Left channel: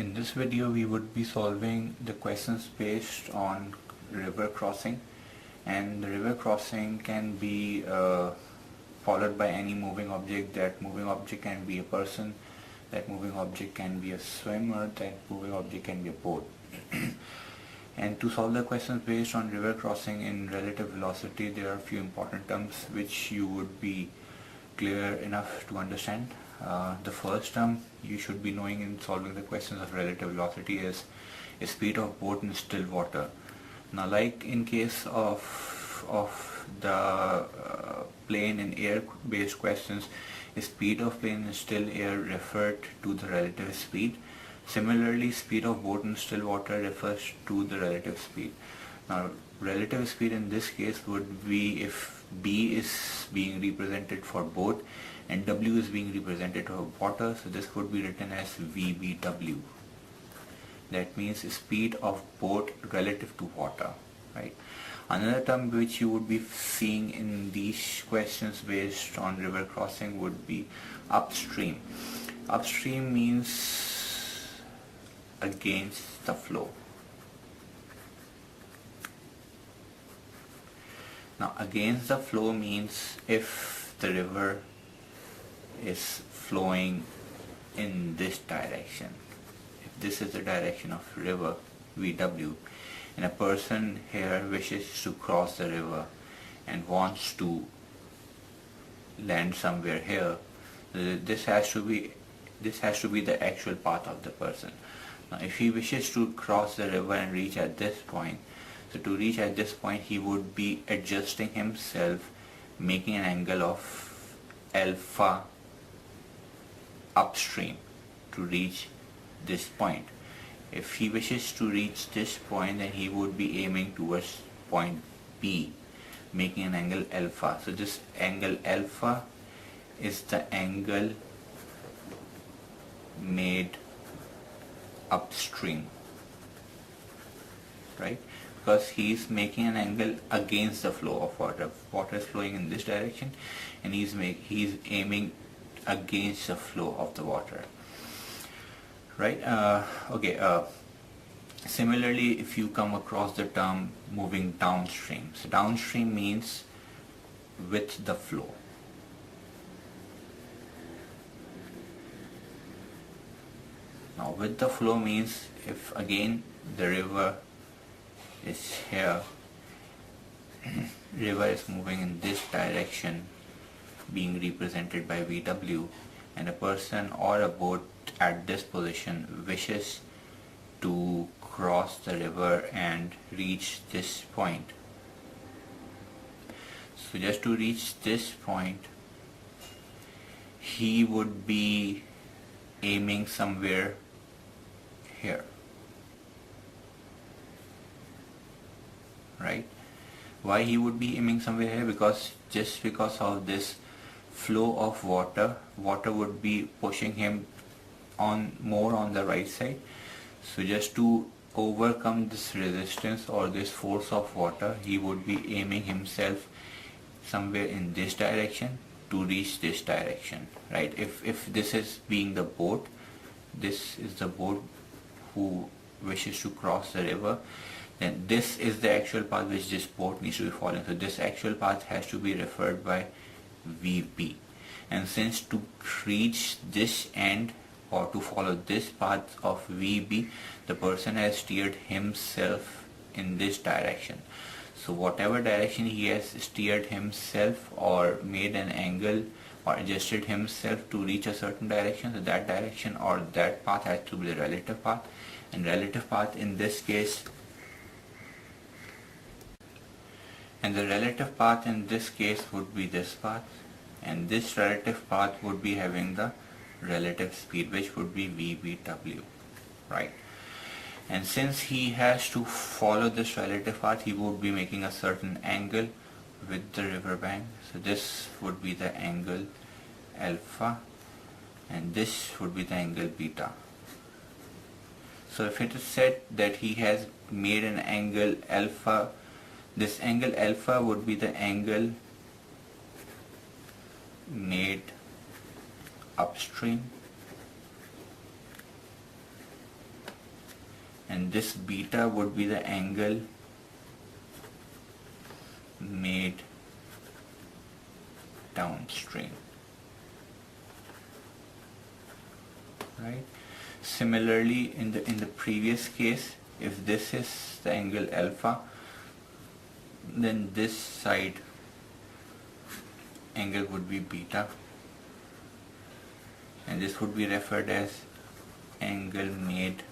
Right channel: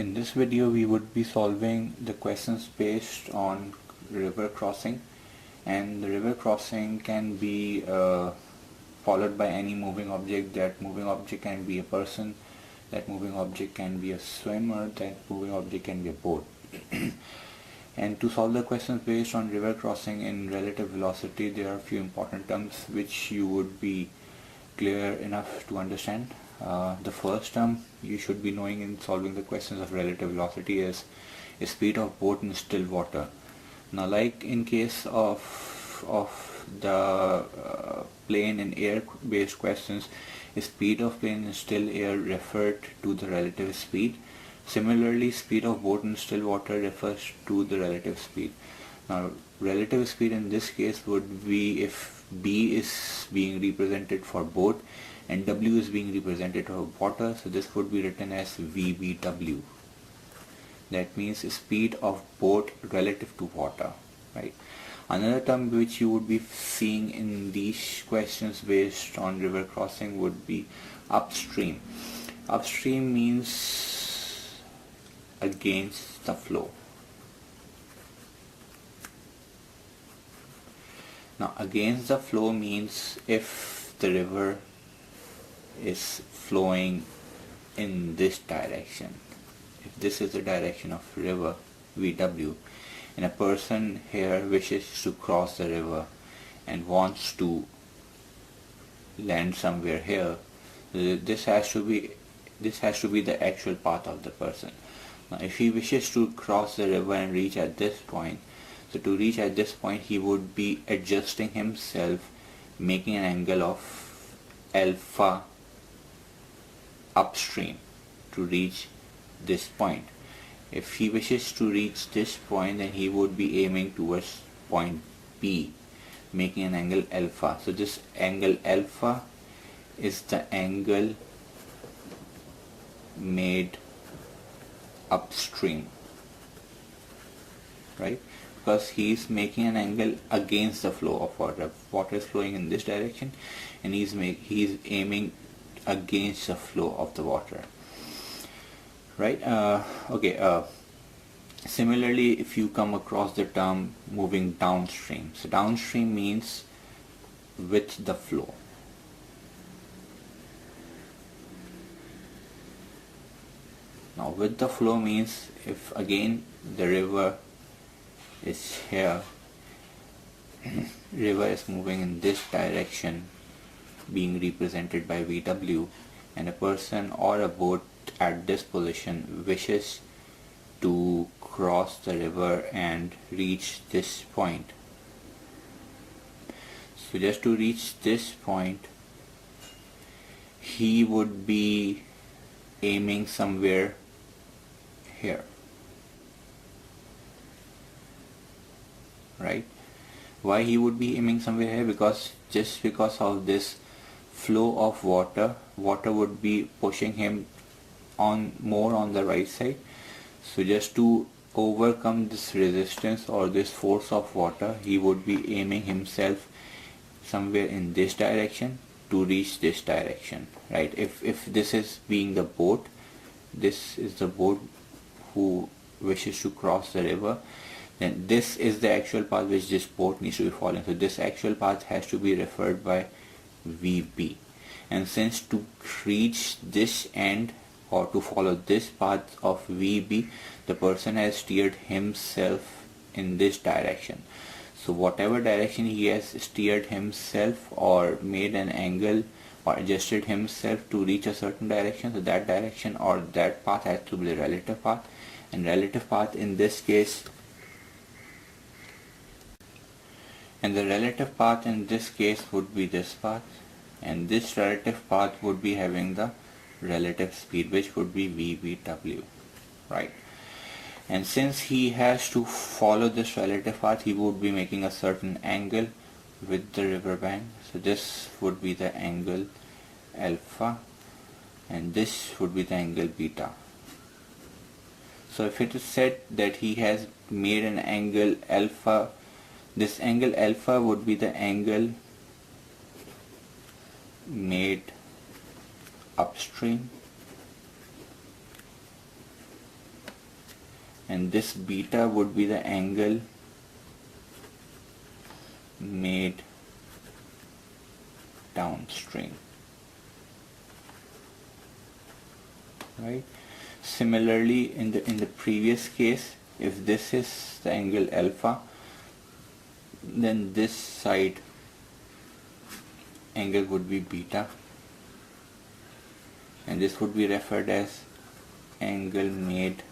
In this video we would be solving the questions based on river crossing, and the river crossing can be followed by any moving object. That moving object can be a person, that moving object can be a swimmer, that moving object can be a boat. And to solve the questions based on river crossing in relative velocity, there are a few important terms which you would be clear enough to understand. The first term you should be knowing in solving the questions of relative velocity is speed of boat in still water. Now, like in case of the plane and air based questions, speed of plane in still air referred to the relative speed. Similarly, speed of boat in still water refers to the relative speed. Now, relative speed in this case would be if B is being represented for boat and W is being represented for water, so this would be written as VBW. That means speed of boat relative to water, right? Another term which you would be seeing in these questions based on river crossing would be upstream. Upstream means against the flow. Now, against the flow means if the river is flowing in this direction, if this is the direction of river VW, and a person here wishes to cross the river and wants to land somewhere here, this has to be the actual path of the person. Now, if he wishes to cross the river and reach at this point, so to reach at this point he would be adjusting himself, making an angle of alpha upstream to reach this point. If he wishes to reach this point, then he would be aiming towards point B, making an angle alpha. So this angle alpha is the angle made upstream, right? Because he is making an angle against the flow of water. Water is flowing in this direction, and he is aiming against the flow of the water, right? Similarly, if you come across the term moving downstream, so downstream means with the flow. Now, with the flow means if again the river is here, river is moving in this direction, being represented by VW, and a person or a boat at this position wishes to cross the river and reach this point. So just to reach this point, he would be aiming somewhere here, right? Why he would be aiming somewhere here? Because of this flow of water would be pushing him more on the right side. So just to overcome this resistance or this force of water, he would be aiming himself somewhere in this direction to reach this direction, right? If this is being the boat, this is the boat who wishes to cross the river, then this is the actual path which this boat needs to be following. So this actual path has to be referred by VB, and since to reach this end or to follow this path of VB, the person has steered himself in this direction. So whatever direction he has steered himself or made an angle or adjusted himself to reach a certain direction, so that direction or that path has to be the relative path, and relative path in this case, and the relative path in this case would be this path, and this relative path would be having the relative speed, which would be VBW, right? And since he has to follow this relative path, he would be making a certain angle with the river bank. So this would be the angle alpha, and this would be the angle beta. So if it is said that he has made an angle alpha, this angle alpha would be the angle made upstream, and this beta would be the angle made downstream, right? Similarly, in the previous case, if this is the angle alpha, then this side angle would be beta, and this would be referred as angle made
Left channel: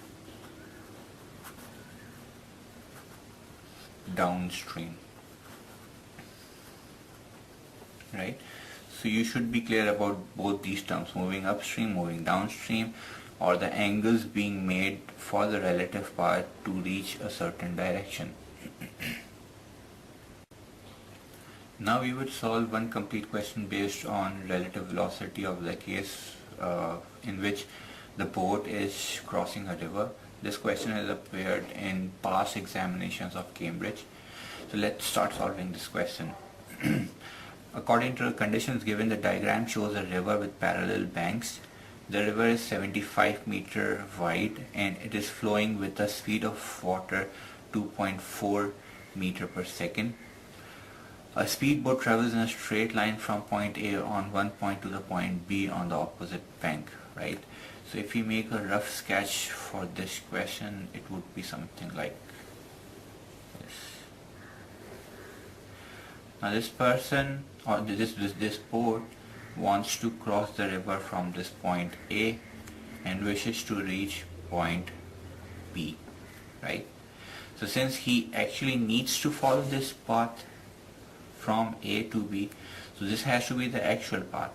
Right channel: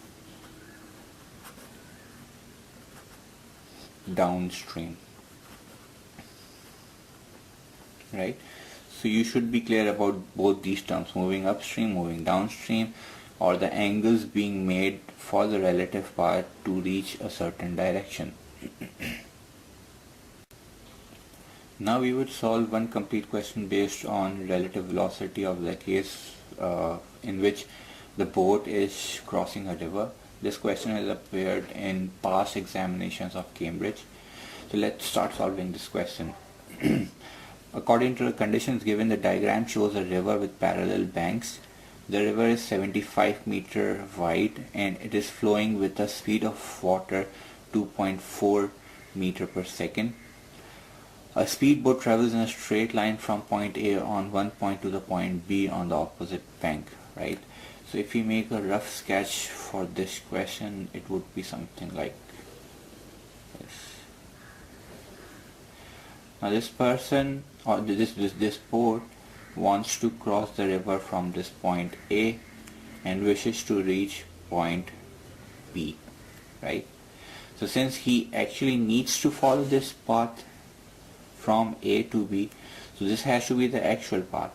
downstream, right? So you should be clear about both these terms, moving upstream, moving downstream, or the angles being made for the relative path to reach a certain direction. Now we would solve one complete question based on relative velocity of the case in which the boat is crossing a river. This question has appeared in past examinations of Cambridge. So let's start solving this question. According to the conditions given, the diagram shows a river with parallel banks. The river is 75 meter wide and it is flowing with a speed of water 2.4 meter per second. A speedboat travels in a straight line from point A on one point to the point B on the opposite bank, right? So if we make a rough sketch for this question, it would be something like this. Now this person or this boat wants to cross the river from this point A and wishes to reach point B, right? So since he actually needs to follow this path from A to B, so this has to be the actual path.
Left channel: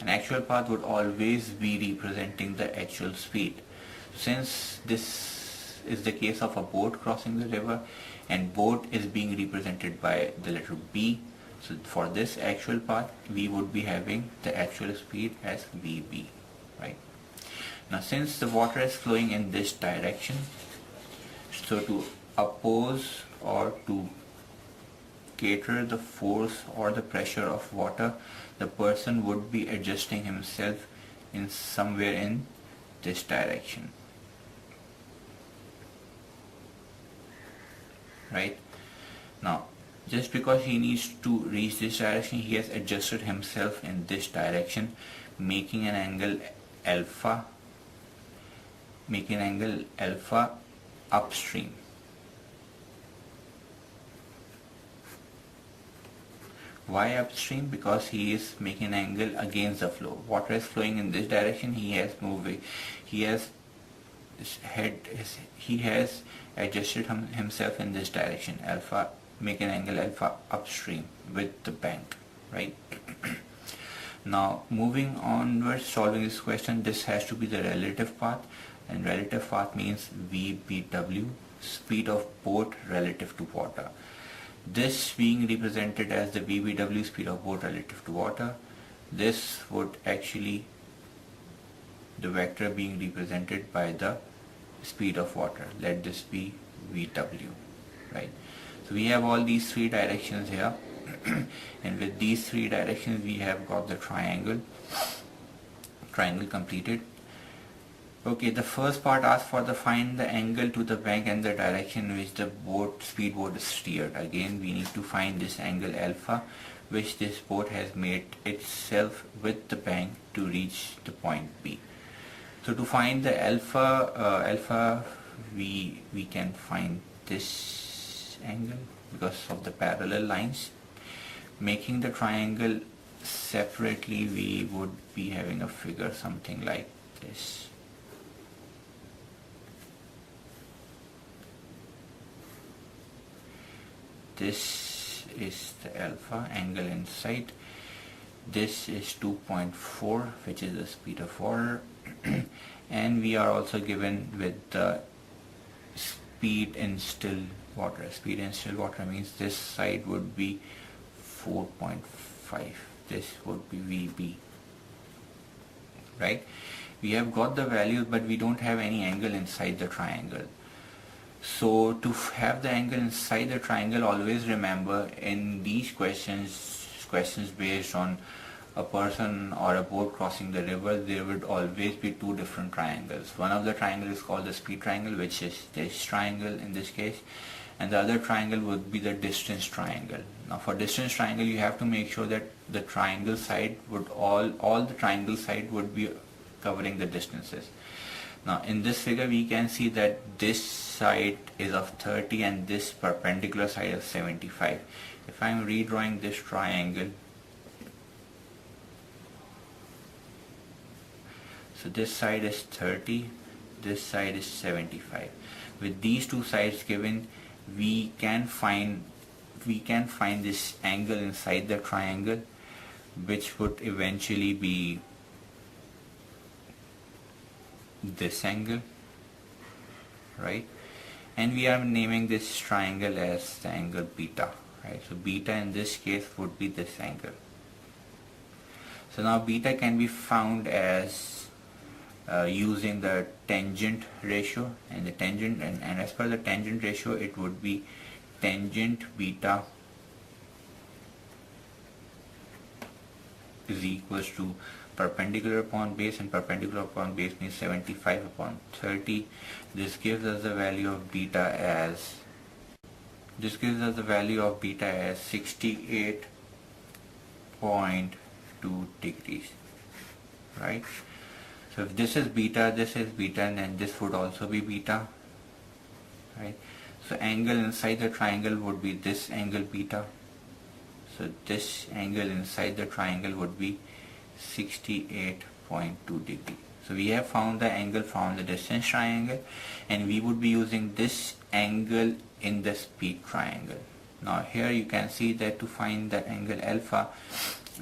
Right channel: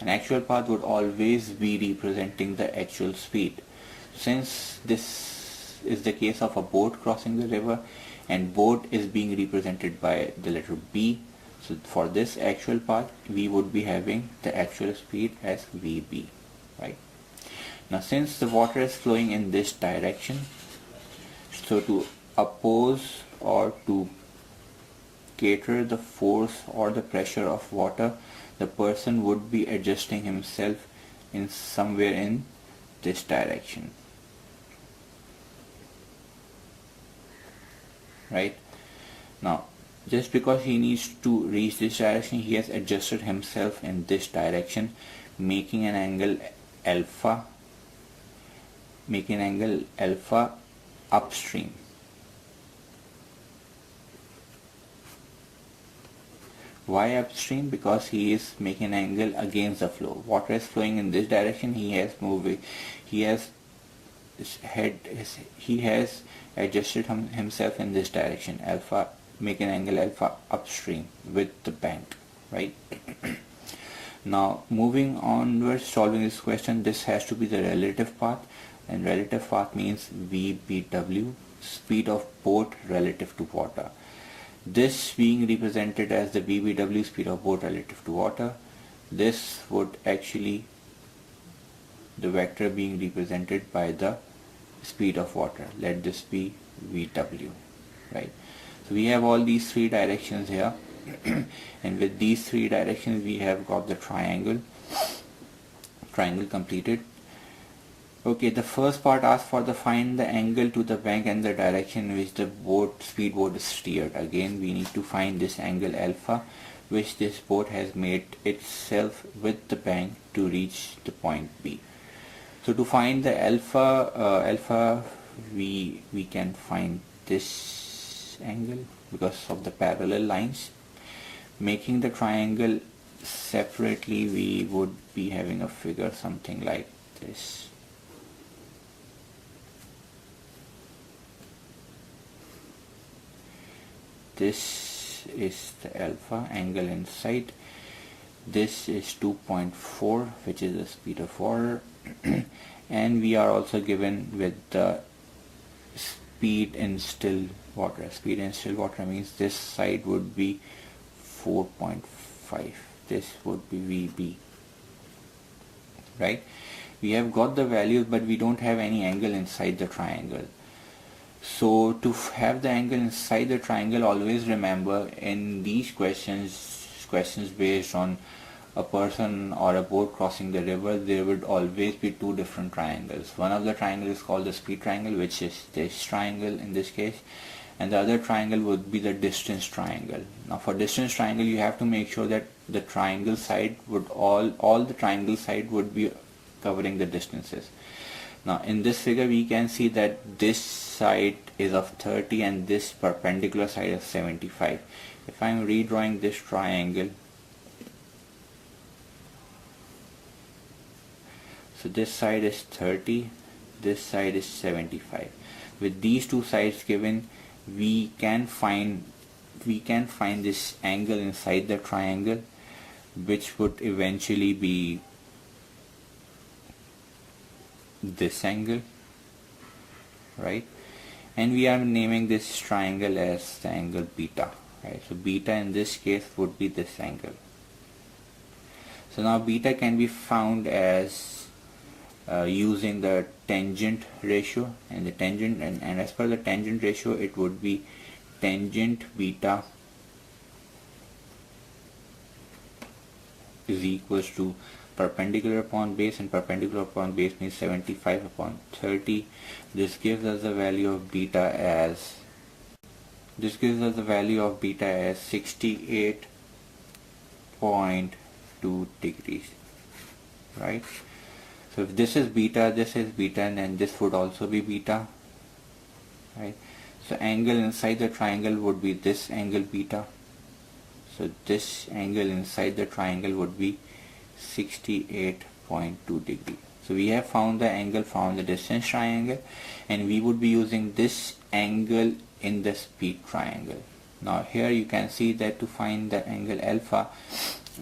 An actual path would always be representing the actual speed. Since this is the case of a boat crossing the river and boat is being represented by the letter B, so for this actual path we would be having the actual speed as VB, right? Now since the water is flowing in this direction, so to oppose or to cater the force or the pressure of water, the person would be adjusting himself in somewhere in this direction, right? Now just because he needs to reach this direction, he has adjusted himself in this direction, making an angle alpha upstream. Why upstream? Because he is making an angle against the flow. Water is flowing in this direction. He has adjusted himself in this direction, alpha, make an angle alpha upstream with the bank, right? Now moving onwards, solving this question, this has to be the relative path, and relative path means VBW, speed of boat relative to water. This being represented as the VBW, speed of boat relative to water. This would actually, the vector being represented by the speed of water. Let this be VW, right? So we have all these three directions here and with these three directions we have got the triangle completed. Okay, the first part asks for the find the angle to the bank and the direction which the speedboat is steered. Again we need to find this angle alpha which this boat has made itself with the bank to reach the point B. So to find the alpha we can find this angle because of the parallel lines. Making the triangle separately, we would be having a figure something like this. This is the alpha angle in sight. This is 2.4, which is the speed of water, and we are also given with the speed in still water. Speed in still water means this side would be 4.5. This would be VB, right? We have got the values, but we don't have any angle inside the triangle. So to have the angle inside the triangle, always remember in these questions based on a person or a boat crossing the river, there would always be two different triangles. One of the triangles is called the speed triangle, which is this triangle in this case, and the other triangle would be the distance triangle. Now for distance triangle, you have to make sure that the triangle side would all the triangle side would be covering the distances. Now in this figure we can see that this side is of 30 and this perpendicular side is 75. If I am redrawing this triangle, so this side is 30, this side is 75. With these two sides given, we can find this angle inside the triangle, which would eventually be this angle, right? And we are naming this triangle as the angle beta, right? So beta in this case would be this angle. So now beta can be found as using the tangent ratio, and the tangent and as per the tangent ratio, it would be tangent beta is equals to perpendicular upon base, and perpendicular upon base means 75 upon 30. This gives us the value of beta as 68.2 degrees, right? So if this is beta, and then this would also be beta, right? So angle inside the triangle would be this angle beta. So this angle inside the triangle would be 68.2 degree. So we have found the angle from the distance triangle, and we would be using this angle in the speed triangle. Now here you can see that to find the angle alpha,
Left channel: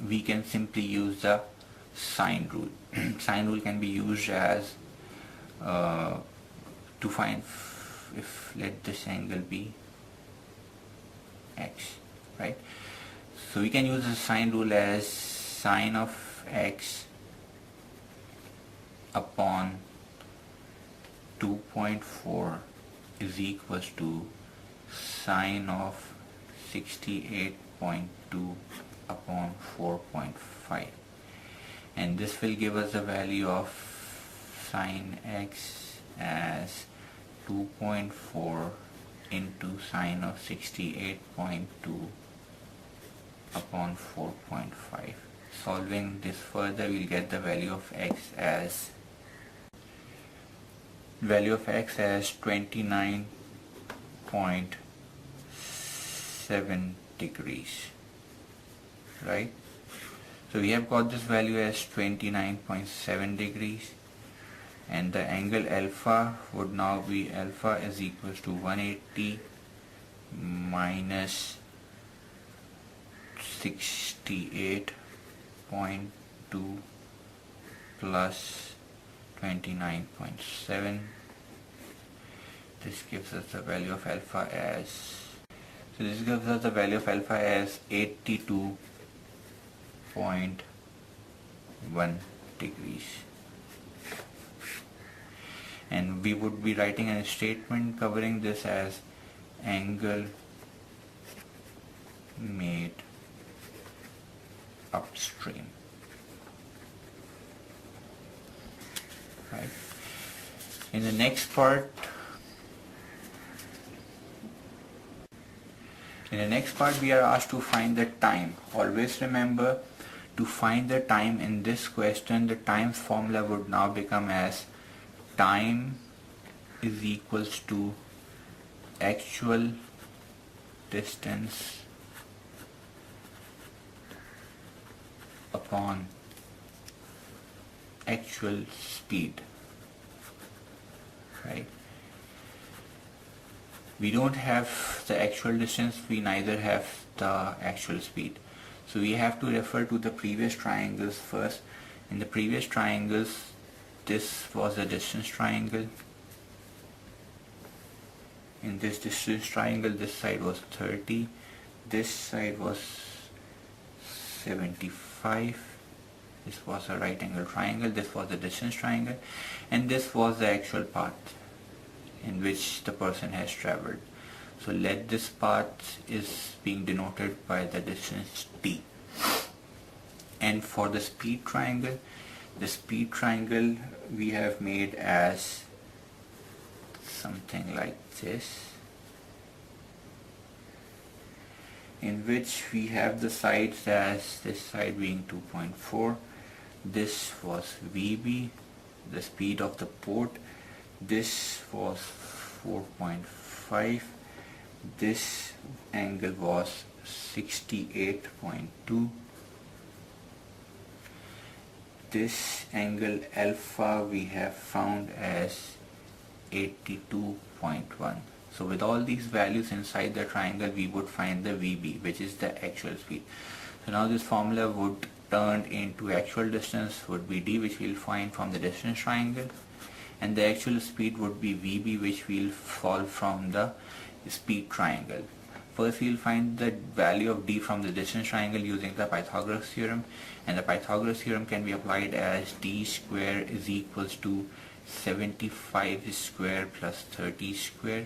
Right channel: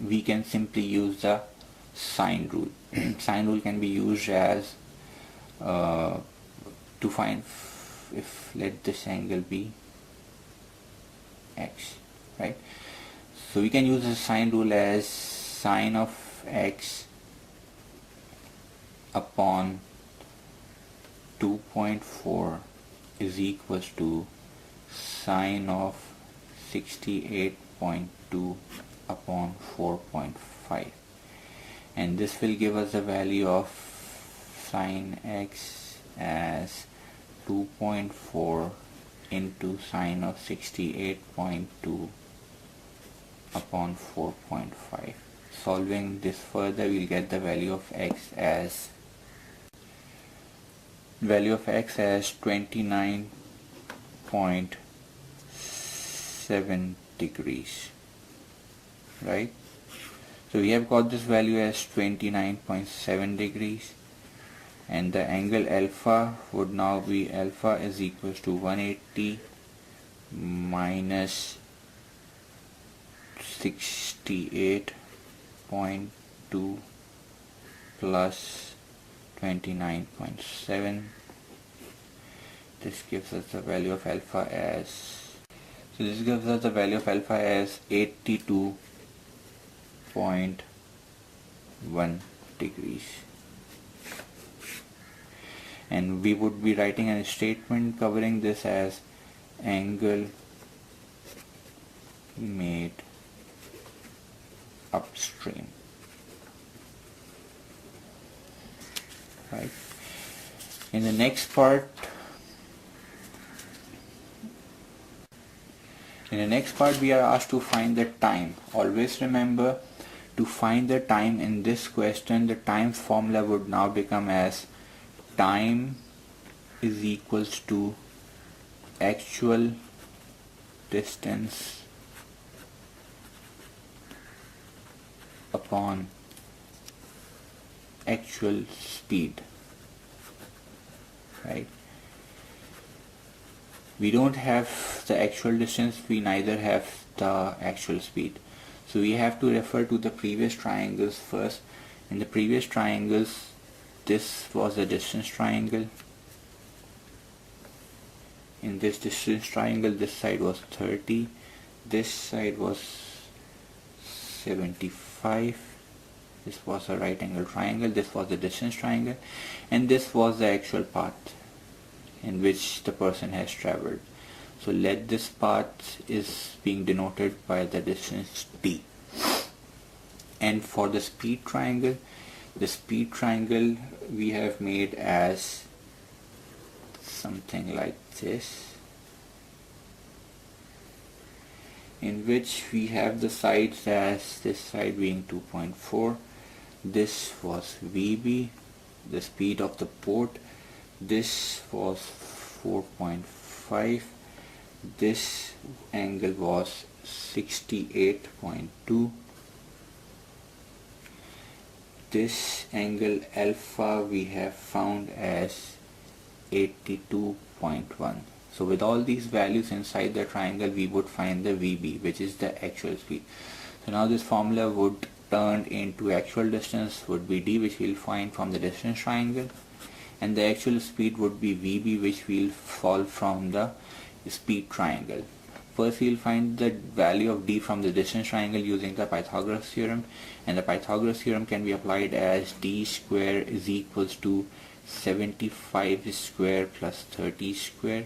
we can simply use the sine rule. Sine rule can be used as to find if let this angle be x, right? So we can use the sine rule as sine of x upon 2.4 is equals to sine of 68.2 upon 4.5, and this will give us the value of sine x as 2.4 into sine of 68.2 upon 4.5. Solving this further, we'll get the value of x as 29.7 degrees, right? So we have got this value as 29.7 degrees, and the angle alpha would now be alpha is equals to 180 minus 68.2 plus 29.7. This gives us the value of alpha as 82.1 degrees. And we would be writing a statement covering this as angle made upstream, right? In the next part we are asked to find the time. Always remember, to find the time in this question, the times formula would now become as time is equals to actual distance upon actual speed, right? We don't have the actual distance, we neither have the actual speed, so we have to refer to the previous triangles first. In the previous triangles, this was the distance triangle. In this distance triangle, this side was 30, this side was 75, this was a right angle triangle, this was the distance triangle, and this was the actual path in which the person has traveled. So let this path is being denoted by the distance t. And for the speed triangle we have made as something like this, in which we have the sides as this side being 2.4. This was VB, the speed of the port. This was 4.5. This angle was 68.2. This angle alpha we have found as 82.1. So with all these values inside the triangle, we would find the VB, which is the actual speed. So now this formula would turn into actual distance would be D, which we'll find from the distance triangle, and the actual speed would be VB, which we'll solve from the speed triangle. First we'll find the value of D from the distance triangle using the Pythagoras theorem, and the Pythagoras theorem can be applied as D square is equals to 75 square plus 30 square.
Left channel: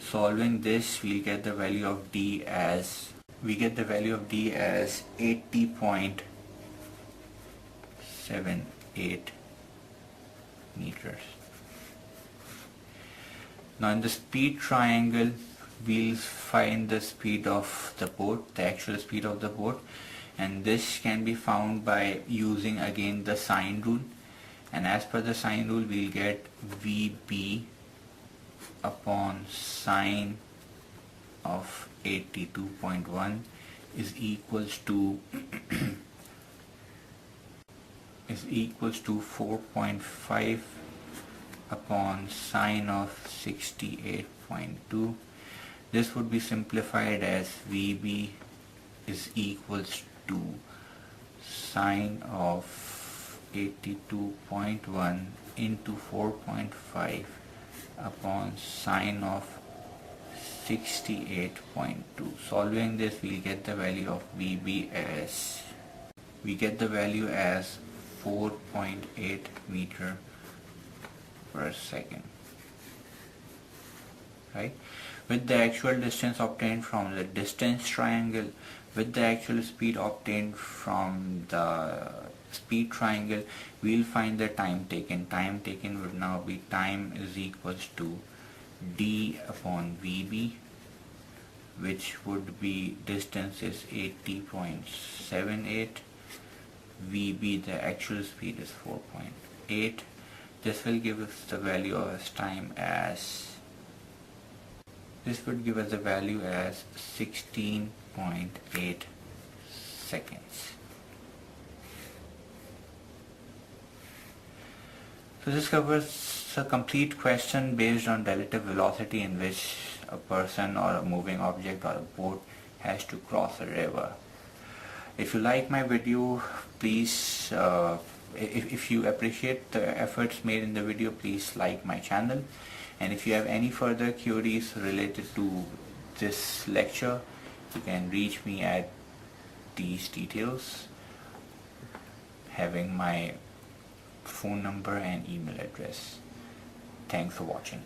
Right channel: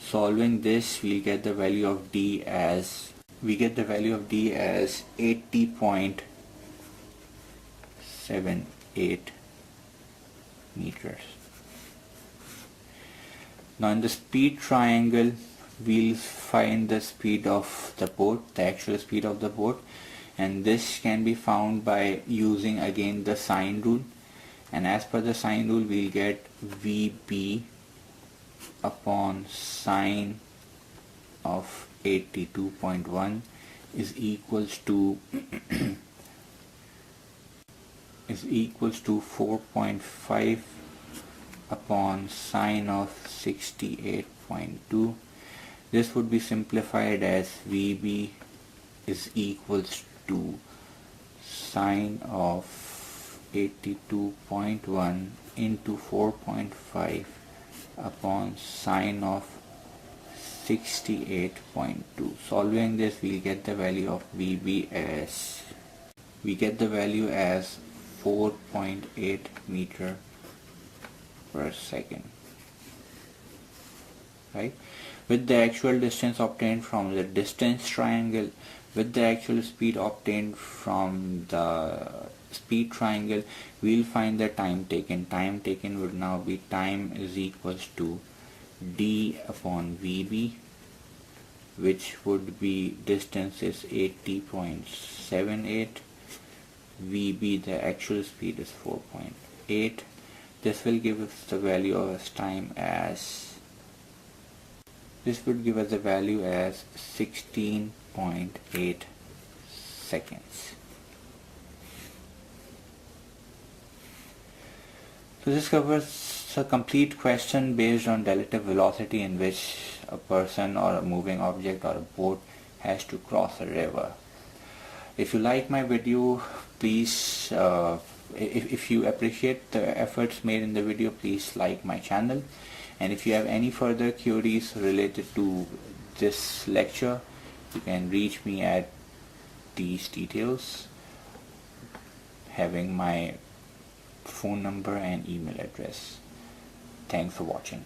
Solving this, we'll get the value of D as 80.78 meters. Now in the speed triangle, we'll find the speed of the boat, the actual speed of the boat, and this can be found by using again the sine rule. And as per the sine rule, we'll get VB upon sine of 82.1 is equals to 4.5 upon sine of 68.2. This would be simplified as VB is equals to sine of 82.1 into 4.5 upon sine of 68.2. Solving this, we get the value of VB as 4.8 meter per second. Right? With the actual distance obtained from the distance triangle, with the actual speed obtained from the speed triangle, we'll find the time taken. Time taken would now be time is equals to D upon VB, which would be distance is 80.78. VB, the actual speed, is 4.8. This will give us the value of time as 16.8 seconds. So this covers a complete question based on relative velocity in which a person or a moving object or a boat has to cross a river. If you like my video, please, if you appreciate the efforts made in the video, please like my channel. And if you have any further queries related to this lecture, you can reach me at these details, having my phone number and email address. Thanks for watching.